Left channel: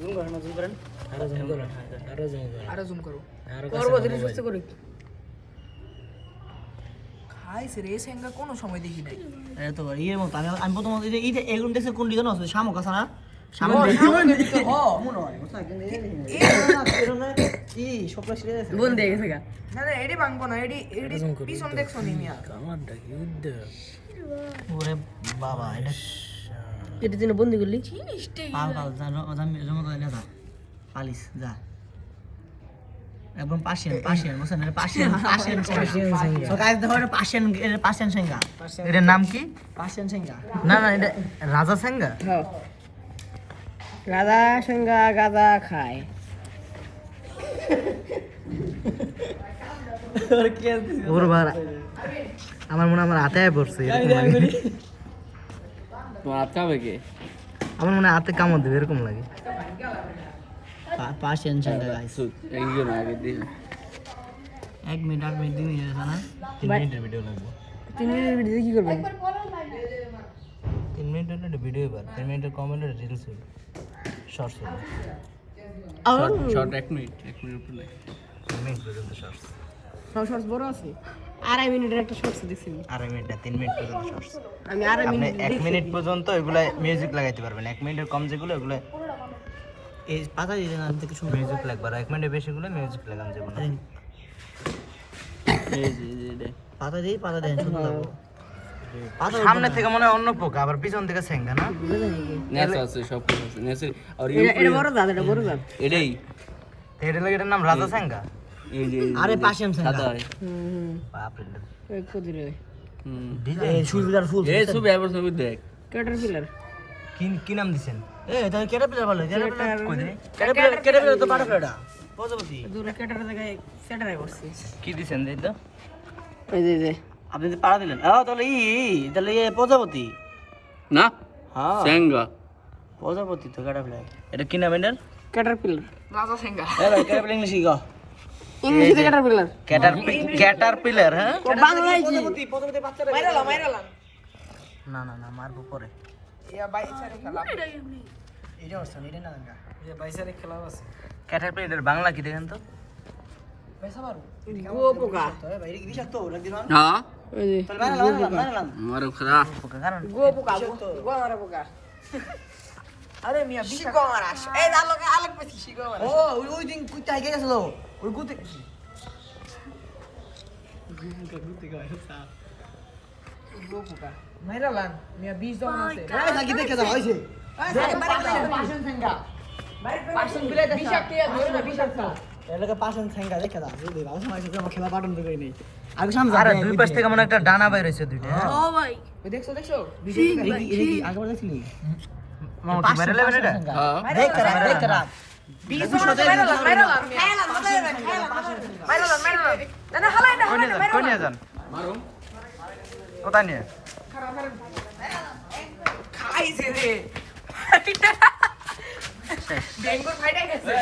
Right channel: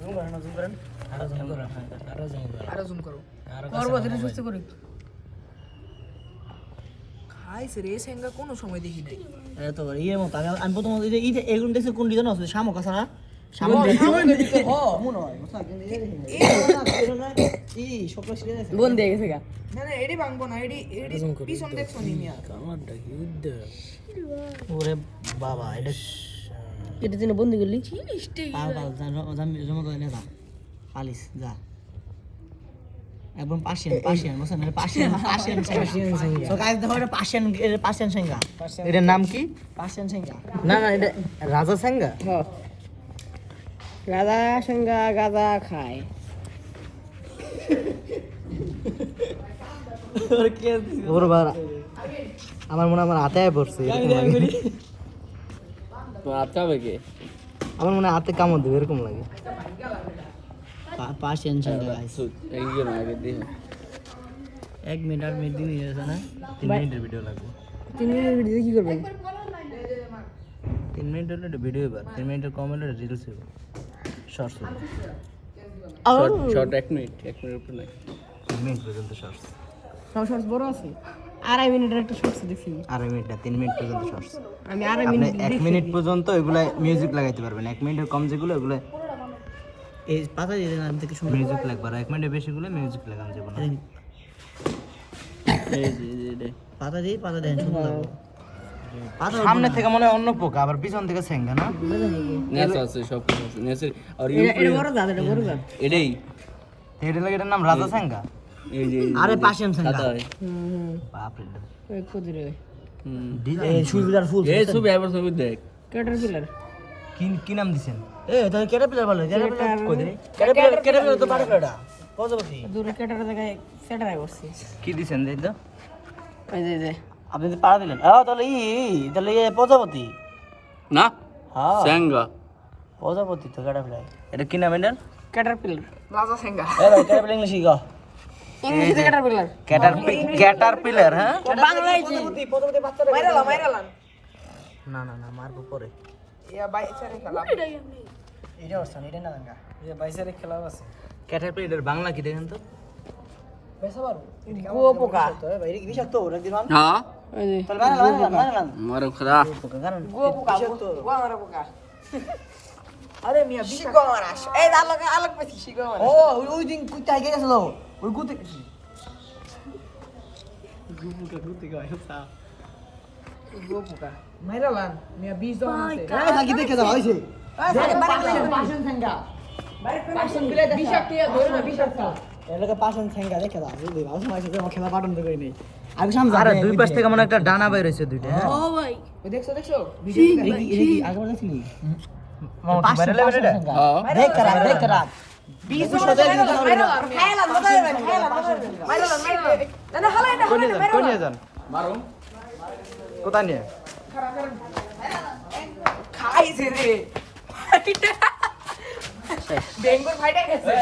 Zoom করেন না, zoom করেন। আরো জুম করো। আরো করবো কাছে ধীরে মোবাইল। সুস্থ করে। খাইছে রে সেঙ্গা কোনো সময় দেখি নাই। এত বড় ইয়ের মতো আমি প্রথম এইটা এগুলো দেখছি কোন দিকে না শামুক আছে না শামুকের ভিতর, হ। মনে হয় বুঝছা কিন্তু এই স্বপ্ন ছিঁড়ে গেছে বন দিয়ে গেছে গা। না না এডি ভাঙবো না, এডি পিছন দেখছো নি মিয়া। কামারটা কি উদ্দে ওরে বাবা এটা এটা দিন বন্দি করলি পাল পাল জমা করে না পালিস যা একদম পাশিয়ান বুঝছেন পাশিয়ান সো গাইস দেখো এটা পাশিয়ান সেঙ্গা এটার নাম কি পাশিয়ান সেঙ্গা না না এটা রাজা সেঙ্গা হ্যাঁ রাজা সঙ্গা গাদা খায় ওর বার আমার মনে হয় আমার হাতে পড়ছে তো আটকাবে কে আমার মনে হয় হাতে কামড় দেবে এরকম লাগে পাশিয়ান সেঙ্গা গাইস একজন আগে দিয়ে 1 মিনিট আর মিনিট দিন যাচ্ছে না 3 মিনিটের ভিডিও লাগবে 3 মিনিটের ভিডিও কি করবেন 3 মিনিট হলে ভিডিও এবার 3 মিনিটের কম হলে রিলস হবে শর্টস হবে শর্ট 1 মিনিট উপর নাই 3 মিনিট পর্যন্ত শর্টস সব শর্টস বড় আছে 2.5 মিনিটের একটা শর্টস দেখছি আড়াই মিনিট না 3 মিনিট পর্যন্ত শর্টস আমি 2.5 মিনিট 1 মিনিট পর্যন্ত এগুলা মিউজিক লাগাইতে পারবেন 1 মিনিটের কম যেগুলো এগুলো এই পাতা দিয়ে দেন থেকে শুনুন মিউজিক লাগবে আর 1 মিনিটের বেশিগুলো মিউজিক লাগান যাবে না পাতা দেন শুনতে পাবো সামনে থেকে মনে হয় অন্য পোকা আবার পিছন থেকে সেঙ্গা না নেস আছে সব কিছু আছে নেস আর এটা বড় দাঁত এটা বড় দাঁত এটাই এটা লাগে এটার নাম রাজা সেঙ্গা এই যে আরে পাশিয়ান সেঙ্গা হুম বাপ রে এক কদিরে এই সুবিধার ফুল এই ছবি আবার ছবি দেখ ক্যাটারপিলার কি নাম দিছেন তাহলে ক্যাটারপিলার বলে ক্যাটারপিলার কই দিন ক্যাটারপিলার তো বাটারফ্লাইটা প্রজাপতি দূরে ক্যাটার জায়গায় সেটাই বসছে কি দিছেন দেই তো এই যে আপনি তো পাড়া দিলেন তাহলে তাহলে প্রজাপতি না হ্যাঁ সেঙ্গা প্রজাপতি তো ক্যাটারপিলার এটা কি নাম এটার ক্যাটারপিলার রাজা সেঙ্গা। ভাই ক্যাটারপিলার ইংলিশ কি গো ইংলিশে ক্যাটারপিলার ক্যাটারপিলার হ্যাঁ বাংলায় কি প্রজাপতি বাচ্চারা মাইরালান। না মারবো পরে ইয়া বাইচারে খেলা। এটা হচ্ছে এটা না গঙ্গা এটা বাইসারে খেলাও আছে ক্যাটারপিলার বাংলা কি দেখেন তো বেসা পারু। কুয়ো পোকা ভাই এটা কি বিষাক্ত ওরা দিলাম হ্যাঁ ওই যে তাহলে মারলাম মারো খারাপ পোকা কারণ গুয়ো পোকা গুয়া মারা পোকা আরে মিয়া বিশা মারাস। এই আলোক পেছি শিগো মারাস। ওই দিন কুইতে আগে গেছিল ওই গুতে গুতে গায়তা গো পোকা। মাইরালান মিয়া 20 জন আছে। এই থাকি দেখে দাও হইছে পাশন সেঙ্গা। পাশন বিলে বিষাক্ত ইয়া ধরে না বিষাক্ত। এলাকা পাশন সেঙ্গা দেখে দাও বুঝলি ভালো সময় আছে আমার খেলা বাটন দেবে নেই আগে সামনে আরে দুই পাশ থেকে মনে একটা ডানা বাইর হইছে দুইটা ও ভাই ওই দেখছো দেখছো? আগে বলে দেখছিলি বাইরে লেবে এটা হ্যাঁ দেখ করা 20 জন আছে। মাইরালান না হালাই না। কোন নিয়ে যান মারো কোথায় নিয়ে খাইছে রে। ডেঙ্গুর ফাইটাই গেছে।